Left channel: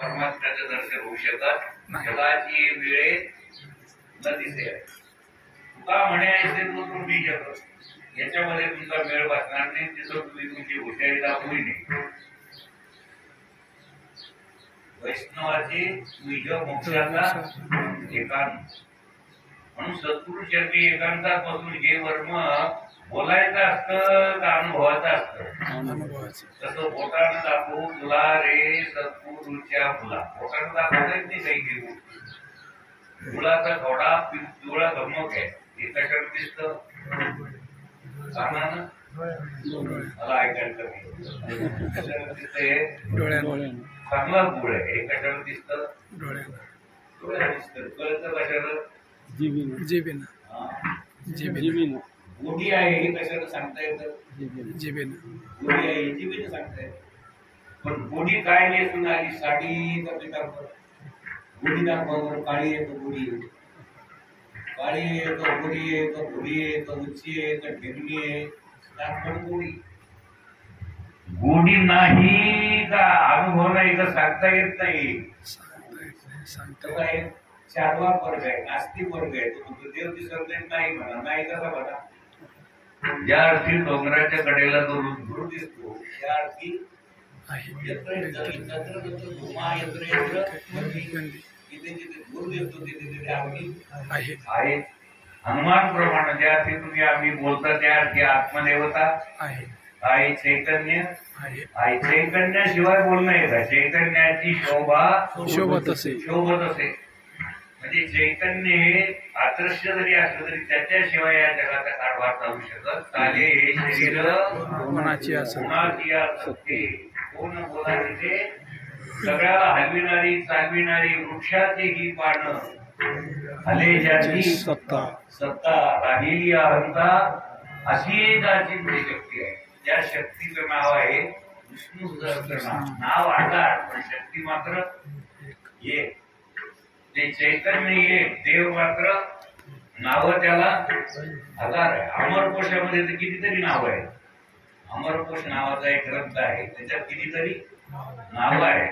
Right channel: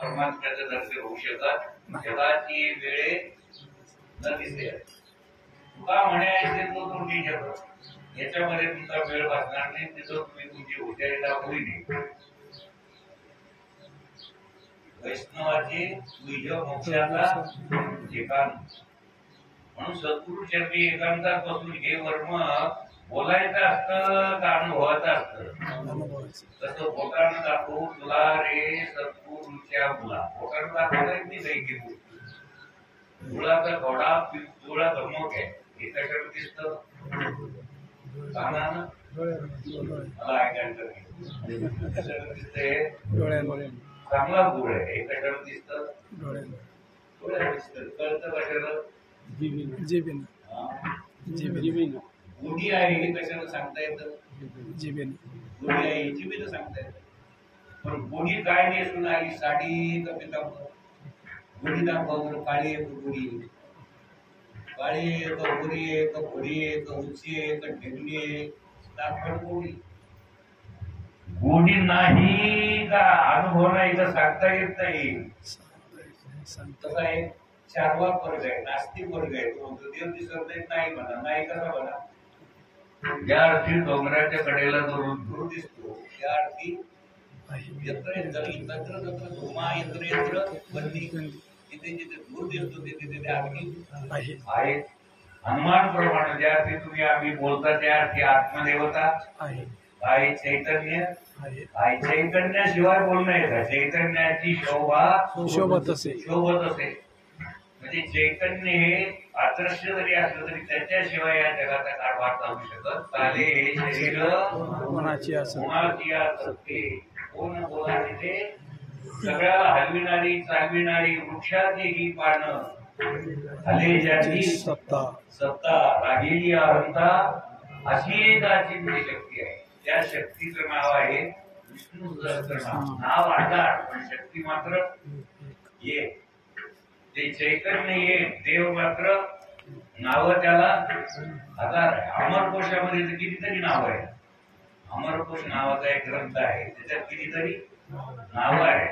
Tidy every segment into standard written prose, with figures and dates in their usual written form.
परमात्म्याचं दर्शन होऊ शकत जगाची वेळे न दिसे तुका म्हणे ऐसे तो त्रुटी शकत याच्यामध्ये तुमचा वेळ बसणार नाही तिथं तुम्ही तुमची हुशारी दाखवली नाही वैष्णवाची तुझ मोक्षाचा एकांत म्हणून सद्गुरु चरणी एकांतात बसून हे वर्म बोलायचं असतं का अनुभवाचं असतं तसं बोटानं दाखवू तुला रे सद्गुरूच्या मुला बोटानं दाखवायचं नाही काही घेऊ मुलाचा थोडा पिवळा धमक आहे हे कशावर दिसतं कानानं मला ऐकायचं कशावर दिसतंय चांगला गुळ आहे हे कशावर दिसतं डोळ्यानं दिसतं कळतं कशावर जिभेनं गोडी आहे हे कशाला सांगता येतं जिभेनं गोडी आहे जिभेनं सांगता येतं पण गोडी काय नेसून आली साडी का पितांबर गोडी दाखवा काळी आहे का गोडी आहे काळी आहे का गोरी आहे का भुरी आहे का उंची आहे का ढेगणी आहे दाखवण गोडी गोडी नाही का अनुभव नाही का सांगता येत नाही कसं आहे चारवा वर्ग आहे नास्तिक वर्ग आहे तो म्हणतो देव दिसत नाही म्हणा नाही कसा म्हणा ज्या अर्थी डोंगराच्या कडेला जो गुरु दिसतो त्या अर्थी यत्र यत्र धुमा यत्र यत्र जिथे जिथे गुरु दिसतो तिथे तिथे अर्थी आहे हनुमान प्रमाणे ज्या अर्थी तुम्ही आम्ही बोलता त्या अर्थी आत्मदेवता आहे चैतन्य आहे चैतन्याशिवाय बोलणं येतं चैतन्याची शोभत असे म्हणजे चैतन्य हे अदृश्य जरी असलं तरी त्याच्याशिवाय या जगाचा कारभार चालू शकत चाले हे शरीर कोणाची असते कोण बोलायचे ते सगळ्याला हलविणारी चालविणारी वृक्षाची ही पानं हले ज्याची सत्ता राहिली अहंता अशी त्याची शक्ती आहे त्या शक्तीचं नाव आहे विष्णू सहस्त्रनाम नाव आधार पण शक्ती मात्र एक ते चैतन्य एक देव मात्र नाव त्याला आधार आहे अमरकोशामध्ये तर कितीतरी नाव आहे अमरकोश नावाचा एक ग्रंथ आहे त्याच्यात कितीतरी नाव आहे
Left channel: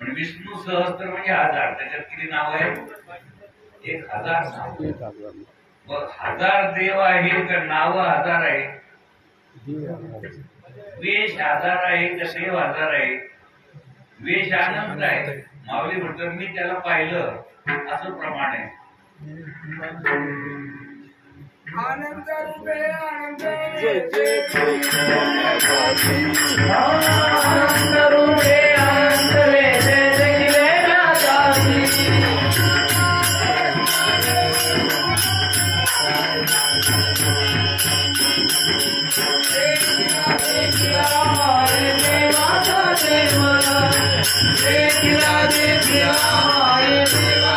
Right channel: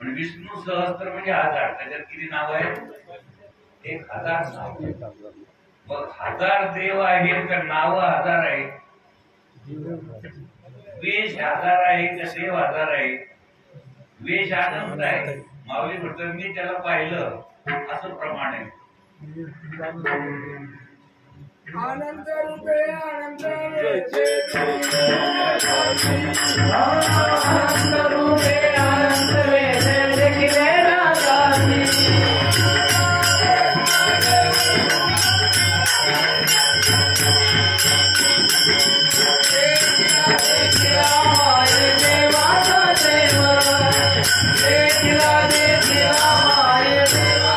पण विष्णू सहस्त्र म्हणजे हजार त्याच्यात किती नाव आहे 1000 नाव मग 1000 देव आहेत का नाव 1000 आहे वेश 1000 आहे का देव 1000 आहे वेश आनंद आहे माऊली म्हणतात मी त्याला पाहिलं असं प्रमाण आहे आनंद रूपे आनंद रूपे आनंद देवा